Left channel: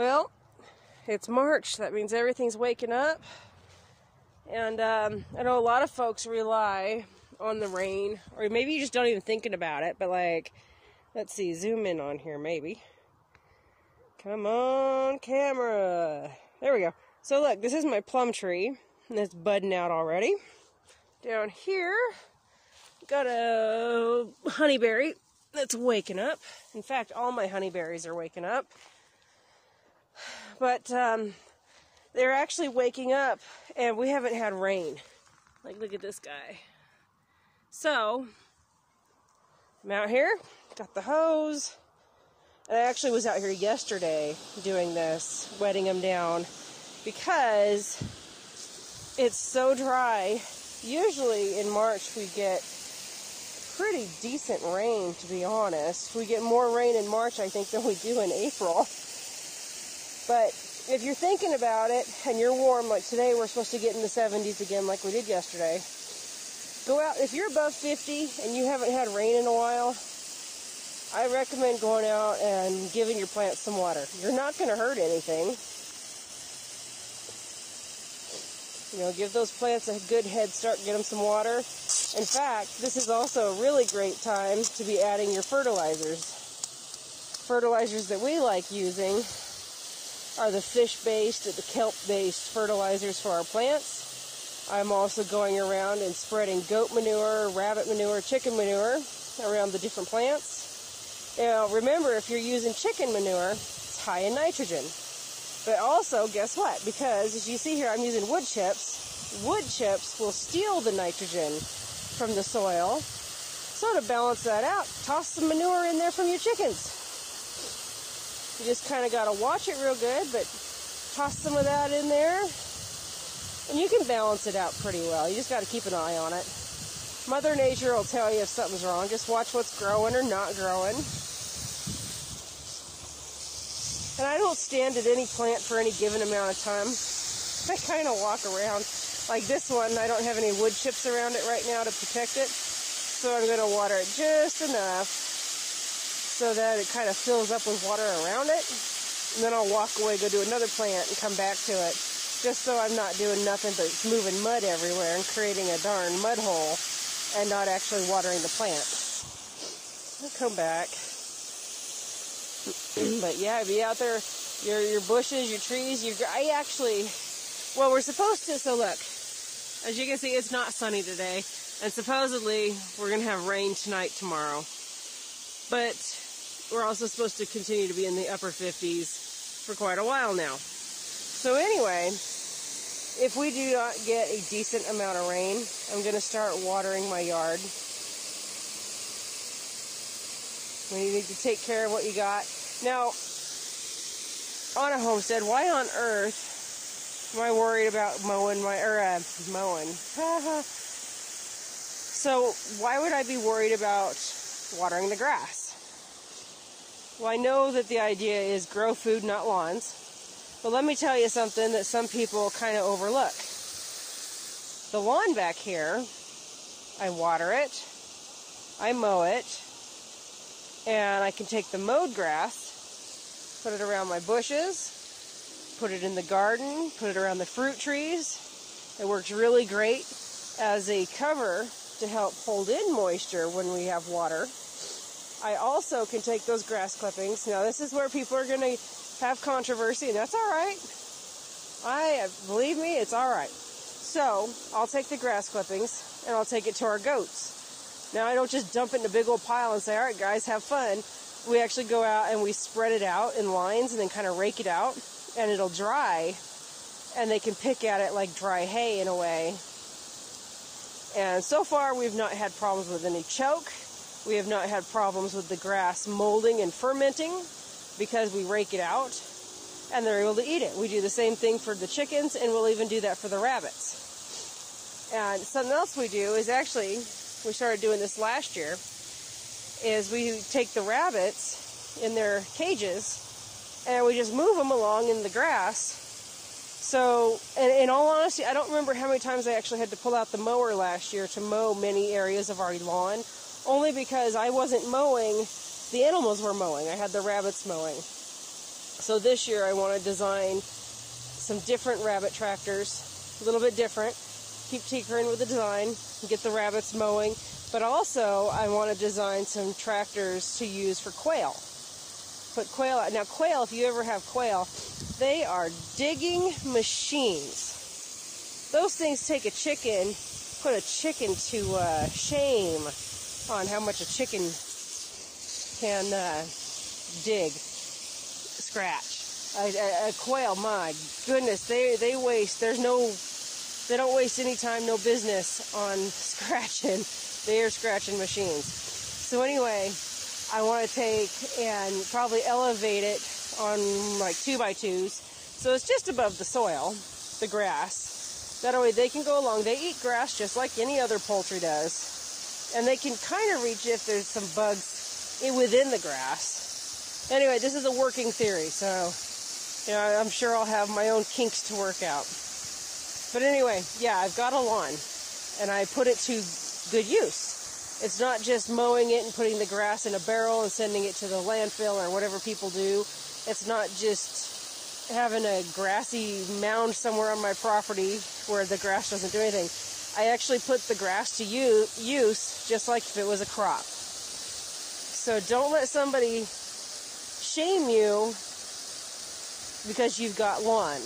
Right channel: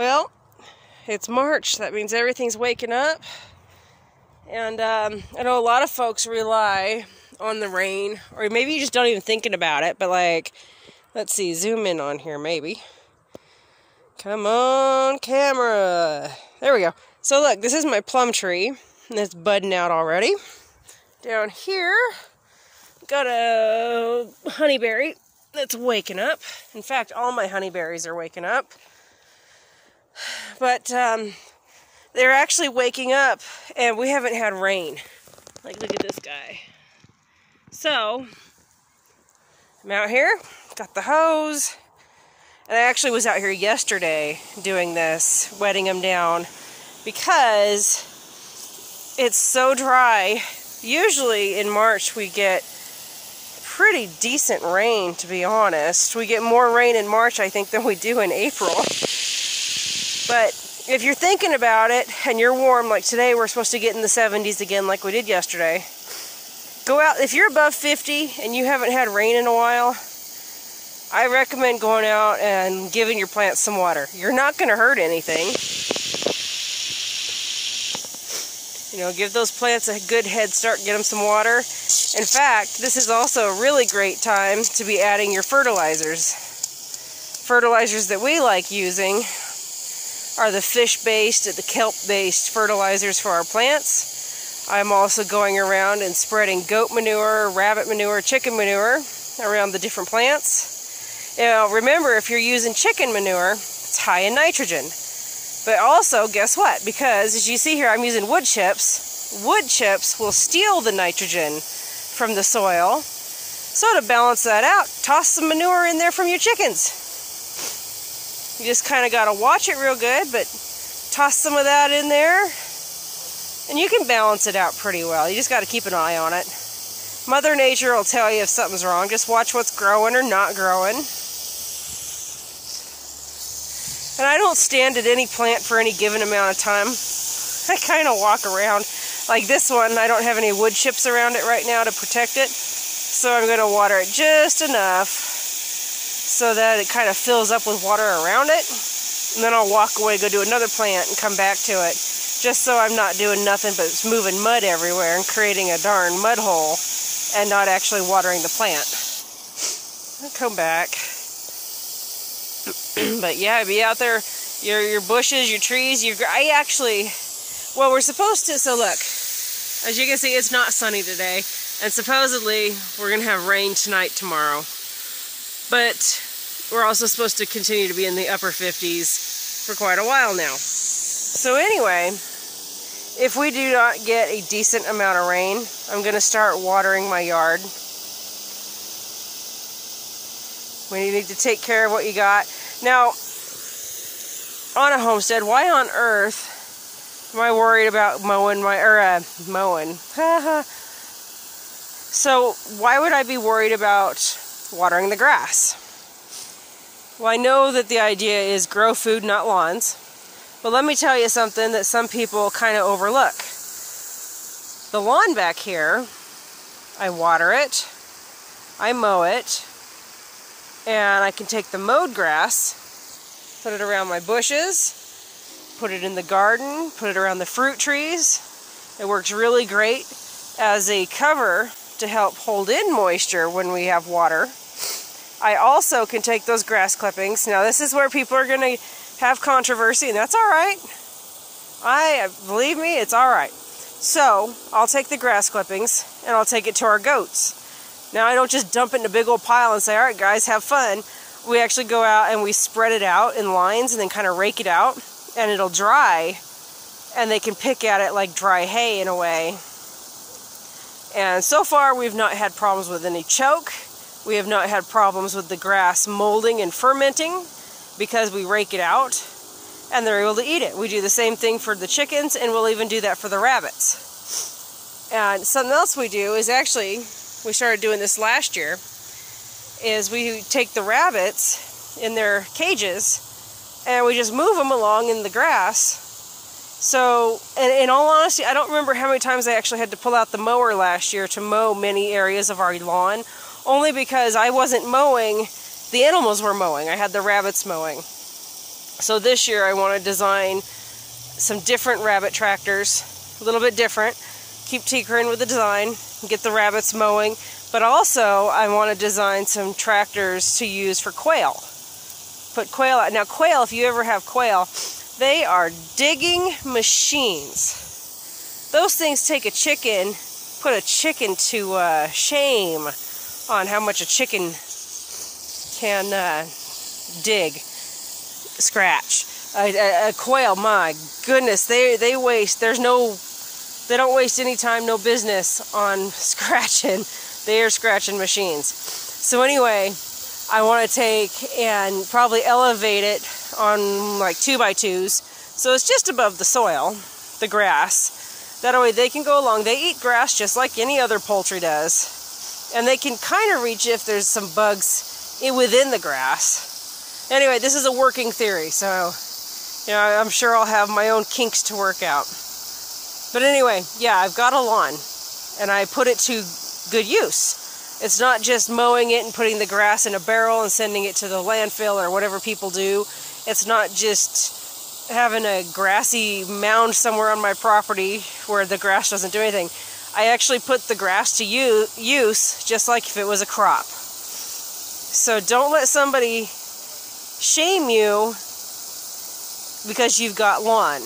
Well, it's March. That means everything's waking up. And I know a lot of folks rely on the rain, or maybe you just don't even thinking about it, but like, let's see, zoom in on here maybe. Come on, camera. There we go. So look, this is my plum tree, and it's budding out already. Down here, got a honeyberry that's waking up. In fact, all my honeyberries are waking up. But they're actually waking up, and we haven't had rain. Like, look at this guy. So, I'm out here, got the hose, and I actually was out here yesterday doing this, wetting them down, because it's so dry. Usually in March we get pretty decent rain, to be honest. We get more rain in March, I think, than we do in April. But if you're thinking about it and you're warm, like today we're supposed to get in the 70s again like we did yesterday, go out. If you're above 50 and you haven't had rain in a while, I recommend going out and giving your plants some water. You're not going to hurt anything. You know, give those plants a good head start, get them some water. In fact, this is also a really great time to be adding your fertilizers. Fertilizers that we like using are the fish-based and the kelp-based fertilizers for our plants. I'm also going around and spreading goat manure, rabbit manure, chicken manure around the different plants. Now, remember, if you're using chicken manure, it's high in nitrogen. But also, guess what? Because, as you see here, I'm using wood chips. Wood chips will steal the nitrogen from the soil. So to balance that out, toss some manure in there from your chickens. You just kind of got to watch it real good, but toss some of that in there, and you can balance it out pretty well. You just got to keep an eye on it. Mother Nature will tell you if something's wrong. Just watch what's growing or not growing. And I don't stand at any plant for any given amount of time. I kind of walk around. Like this one, I don't have any wood chips around it right now to protect it, so I'm going to water it just enough so that it kind of fills up with water around it, and then I'll walk away, go do another plant, and come back to it, just so I'm not doing nothing but moving mud everywhere and creating a darn mud hole and not actually watering the plant. I'll come back. But yeah, be out there, your bushes, your trees, well, we're supposed to, so look, as you can see, it's not sunny today, and supposedly we're going to have rain tonight, tomorrow. But we're also supposed to continue to be in the upper 50s for quite a while now. So anyway, if we do not get a decent amount of rain, I'm going to start watering my yard. We need to take care of what you got. Now, on a homestead, why on earth am I worried about mowing mowing? So why would I be worried about watering the grass? Well, I know that the idea is grow food, not lawns. But let me tell you something that some people kind of overlook. The lawn back here, I water it, I mow it, and I can take the mowed grass, put it around my bushes, put it in the garden, put it around the fruit trees. It works really great as a cover to help hold in moisture when we have water. I also can take those grass clippings. Now this is where people are going to have controversy, and that's alright. Believe me, it's alright. So, I'll take the grass clippings, and I'll take it to our goats. Now I don't just dump it in a big old pile and say, alright guys, have fun. We actually go out and we spread it out in lines and then kind of rake it out, and it'll dry, and they can pick at it like dry hay in a way. And so far we've not had problems with any choke. We have not had problems with the grass molding and fermenting because we rake it out and they're able to eat it. We do the same thing for the chickens, and we'll even do that for the rabbits. And something else we do is actually, we started doing this last year, is we take the rabbits in their cages and we just move them along in the grass. So, and in all honesty, I don't remember how many times I actually had to pull out the mower last year to mow many areas of our lawn. Only because I wasn't mowing, the animals were mowing. I had the rabbits mowing. So this year I want to design some different rabbit tractors, a little bit different. Keep tinkering with the design, get the rabbits mowing, but also I want to design some tractors to use for quail. Put quail out. Now quail, if you ever have quail, they are digging machines. Those things take a chicken, put a chicken to shame on how much a chicken can dig, scratch. A quail, my goodness, they waste. They don't waste any time, no business on scratching. They are scratching machines. So anyway, I want to take and probably elevate it on like 2x2s, so it's just above the soil, the grass. That way they can go along. They eat grass just like any other poultry does, and they can kind of reach if there's some bugs within the grass. Anyway, this is a working theory, so you know, I'm sure I'll have my own kinks to work out. But anyway, yeah, I've got a lawn, and I put it to good use. It's not just mowing it and putting the grass in a barrel and sending it to the landfill or whatever people do. It's not just having a grassy mound somewhere on my property where the grass doesn't do anything. I actually put the grass to use just like if it was a crop. So don't let somebody shame you because you've got lawn.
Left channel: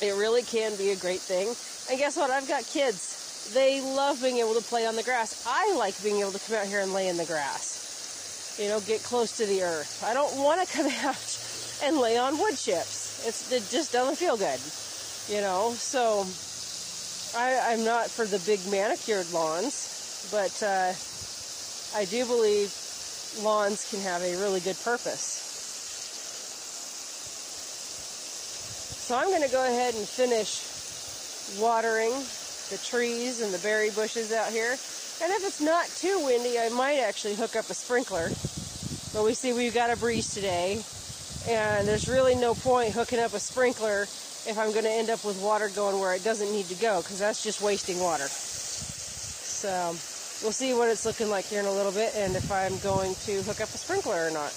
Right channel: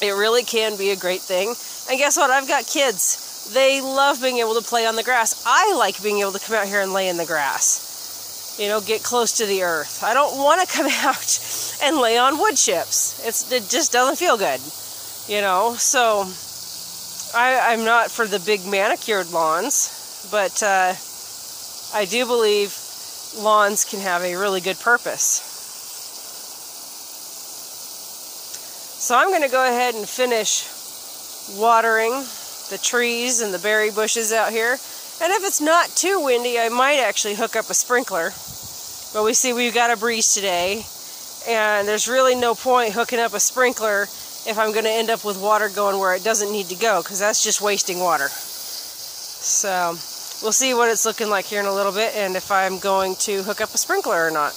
It really can be a great thing. And guess what? I've got kids. They love being able to play on the grass. I like being able to come out here and lay in the grass. You know, get close to the earth. I don't want to come out and lay on wood chips. It just doesn't feel good. You know, so I'm not for the big manicured lawns, but I do believe lawns can have a really good purpose. So I'm going to go ahead and finish watering the trees and the berry bushes out here. And if it's not too windy, I might actually hook up a sprinkler. But we see we've got a breeze today, and there's really no point hooking up a sprinkler if I'm going to end up with water going where it doesn't need to go, because that's just wasting water. So we'll see what it's looking like here in a little bit, and if I'm going to hook up a sprinkler or not.